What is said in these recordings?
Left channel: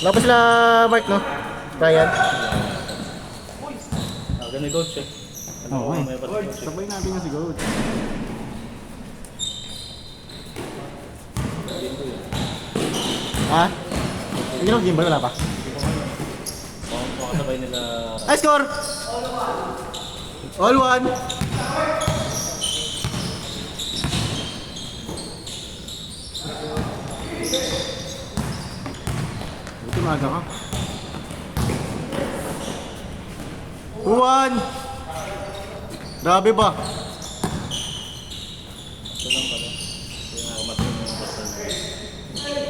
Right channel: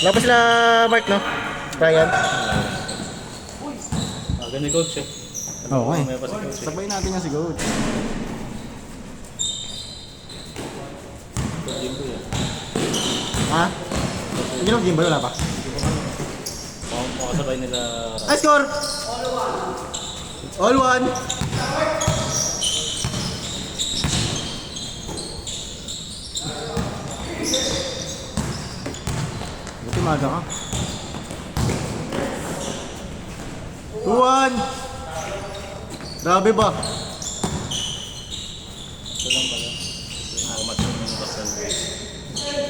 Wala pa sila Mark, no? Ryan. Ganun coach eh. Oo eh. May pa si coach eh. Sabay natin yung siguro. Ha? Hindi lang game ba? Wala pa? Makasabay nila. Ay, score! All one! Buti maaga ka. 2-1! Grabe ba?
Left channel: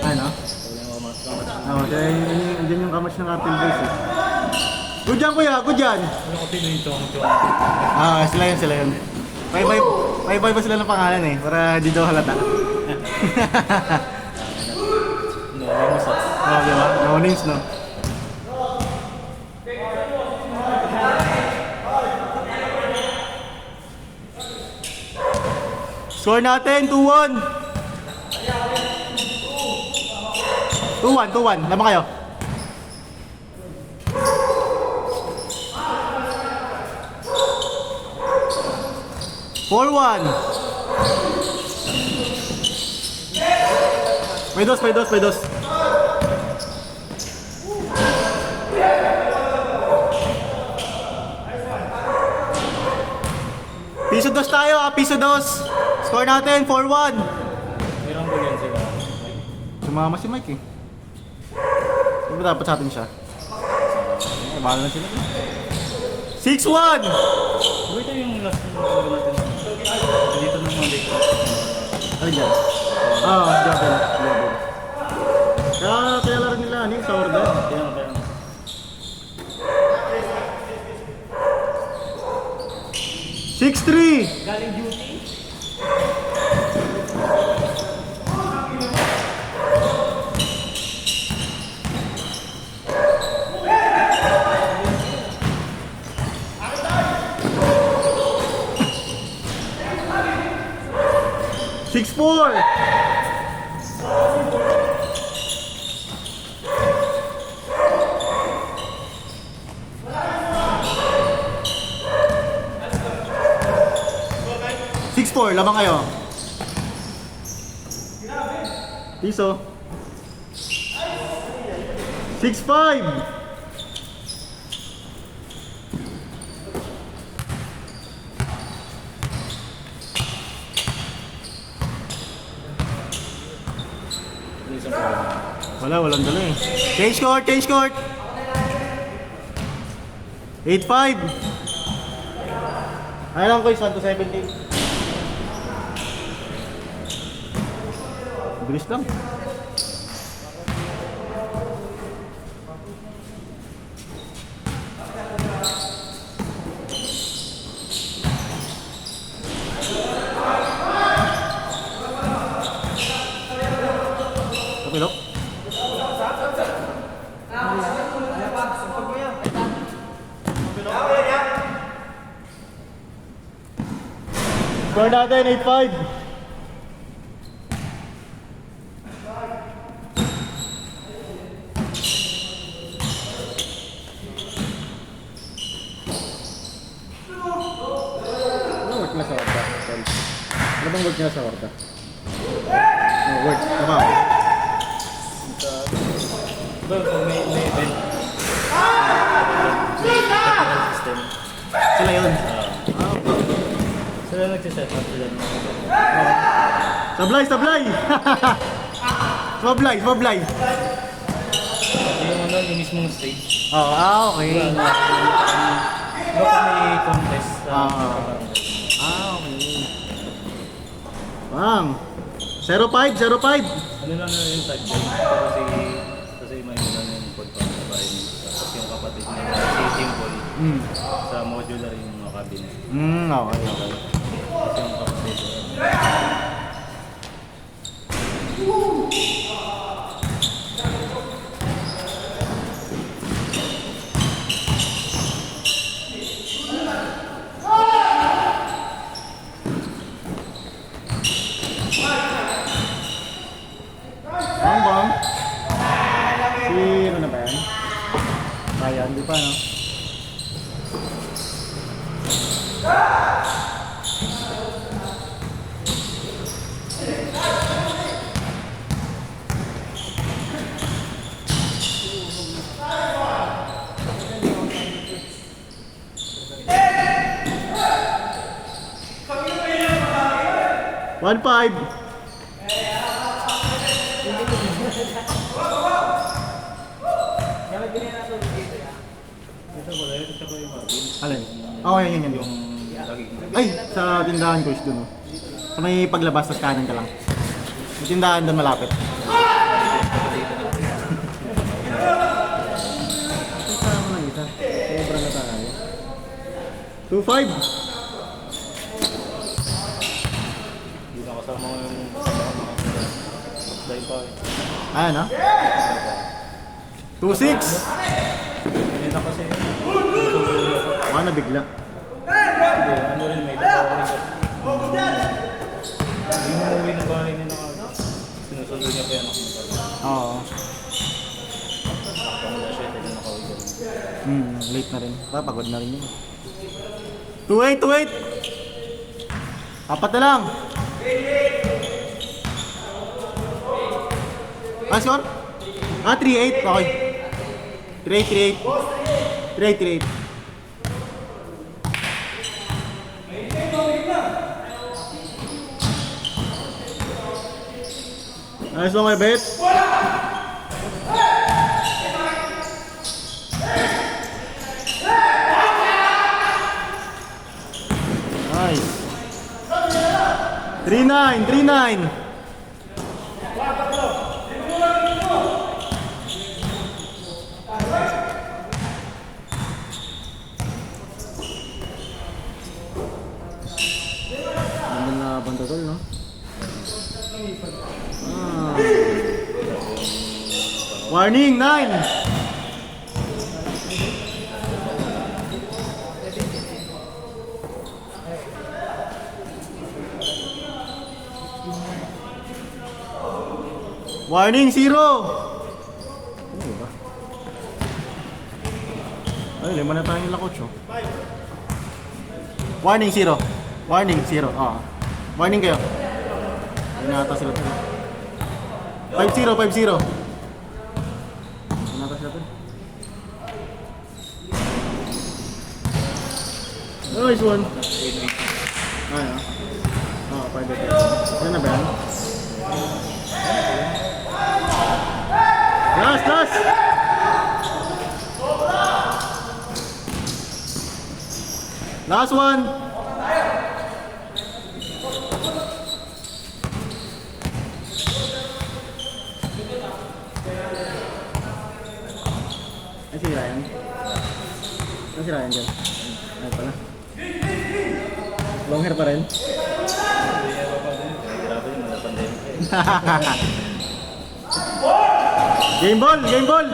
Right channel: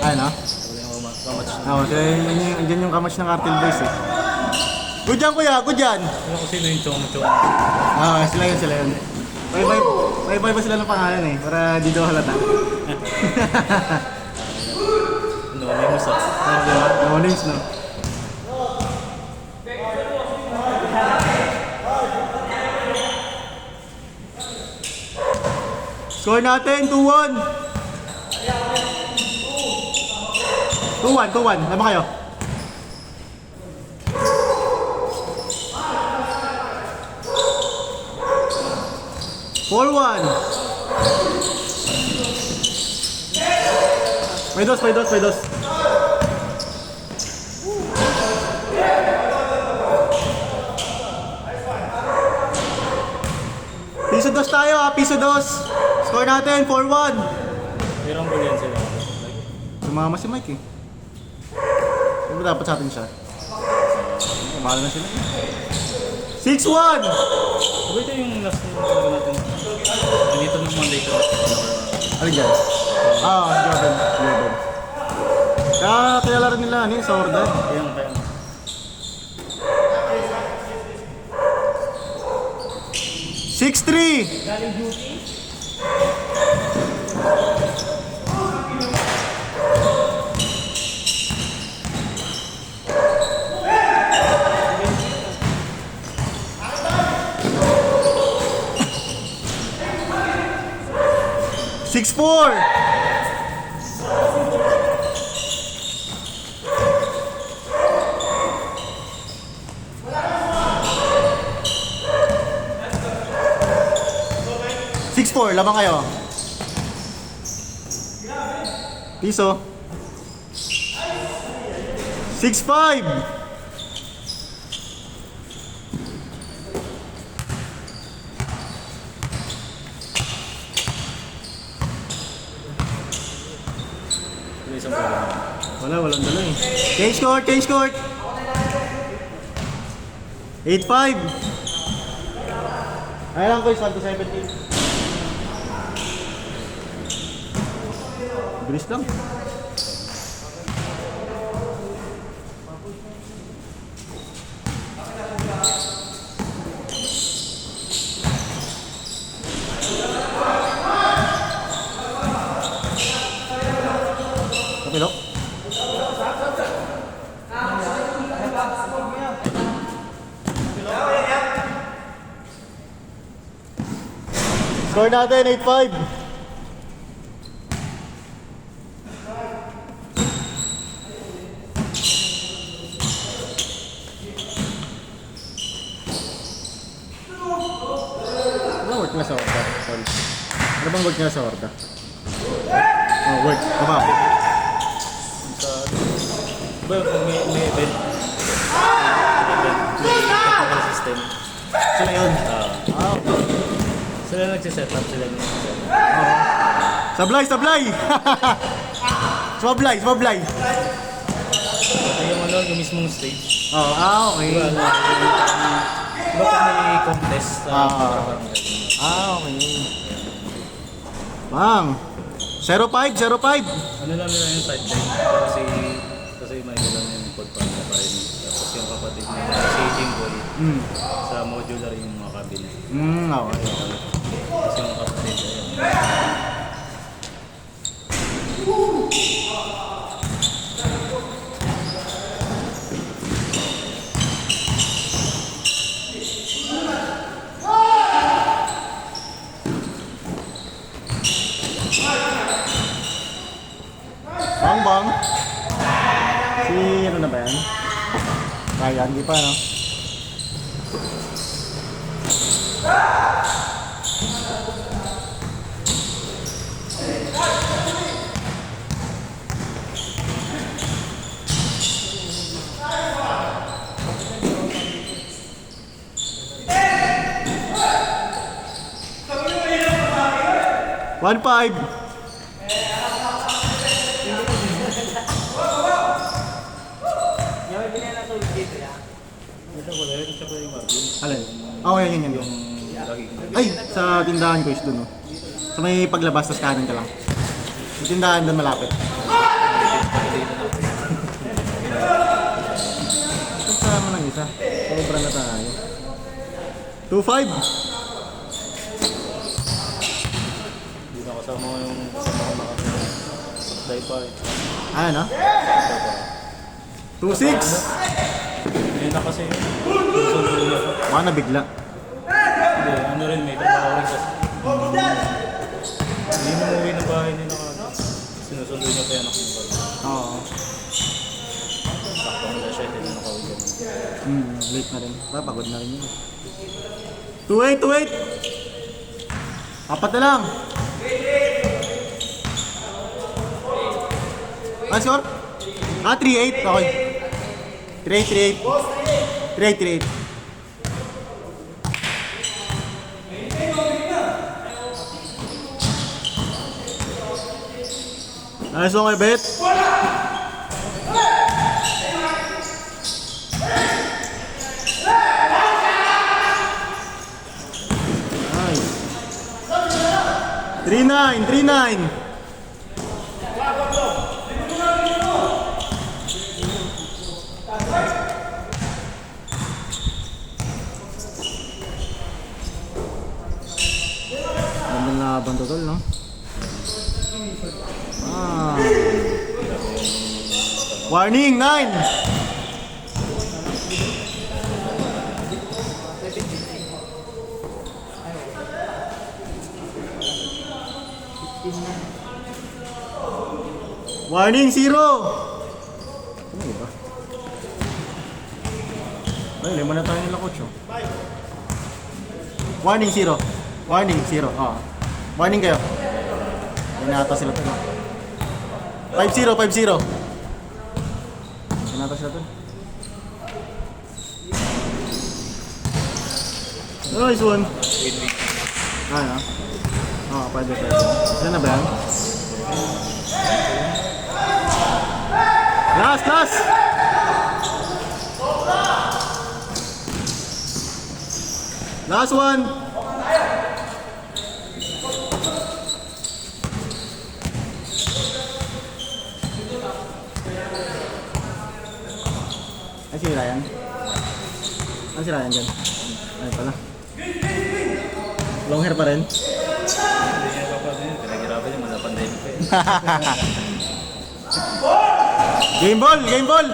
Ano? Yun yung kamatch ng Artel Boys eh. Good yan kuya, good yan! Ano kung sino yung chong-chong? Ah, sila yun, sila yun. May iba sila ng pangalan eh, para di daw halata. No, may masap. No names no. Score natin, 2-1. 2-1, 2-1. Lama kayo. Four-one. May dos. Piso dos tayo, piso dos. Score natin, 4-1. May rumble yan sila. Sumama si Mike eh. Sino dapat sa atin siya? Umahal na sila. 6-1! Sabay ito yung last na talaga natin. Dito ng Monday ko. Ano dyan? Dyan. Kaya laro nila, ano yung Sorda? Yan tayo. 6-3! Galing duty? Six four. Six four, lamang kayo. Piso. 6-5. Walang dala eh. Change court. 8-5. Ngayon ko yung 17. Bilis lang. Kapilok. Score natin, 8-5. Ano work na sa Horta? Sorry. Ano bang work na sa Horta? Oh, work. Ano ba? Well, kung may event. Technical system. Sila yun. Sila nagsiset up sila. Sablay! Sablay! Yung yung mismong stage. Oh, okay. Diba, kapag may contest. Okay. Bang! 0-5. Ano lang nila yung side game. Kasi may ilan yung pagpanda pa rin. Tapos yung kapatid nila, si Jimboy, sa modular yung mga cabinet. Okay. Kasi yung kapatid nila. Bang! Si ano na Hindi pa, no? One five. Ito wala yun, tsaka yung Marvin. Alin? Oh, yan. Yung laging Ay, sa tindahan ko is dun, oh. Sa may paglabas, tas kanan ka lang. Yung tindahan dun malapit. Saan na isa? Sobrang natalo. 2-5. Hindi na kasama yung kasama ko dahil pa eh. Ah, ano? Isa pa. 2-6. Hindi na kasi Ah, nabigla. ano rin, may tatawag rin. Hindi mo uwi ng bahay nila kagad. Sinusundo niya pa yung anak mo. Oo. Sakto mo na siya, hindi na nakauwi dyan. Late na rin. Pagod na rin yun. 2-8. Apat na lang. Ah, score? Ah, 3-8. Okay. 3-8. 3-8. Nice one, bet. Nice. 3-9. Ganda na labang totoo, no? Ah. Warning, 9! Warning, 0! Ano ba? Ay, lima na tayo ng lakot, oh. Warning, 0. Warning, 0. Ah. Warning kayo. Hindi na ata sila ito. 5-0. Hindi na ata sila ito. Nice one. Ano? Oo, 5-0. Yan na ba yan? Last! Last one! Ay, si Ryan. Ano si Ryan dyan? Ay, pala. Long hair pa rin. Hindi pa pa din, pinaghirapan yun, wala pandemic pa yun. Game ball!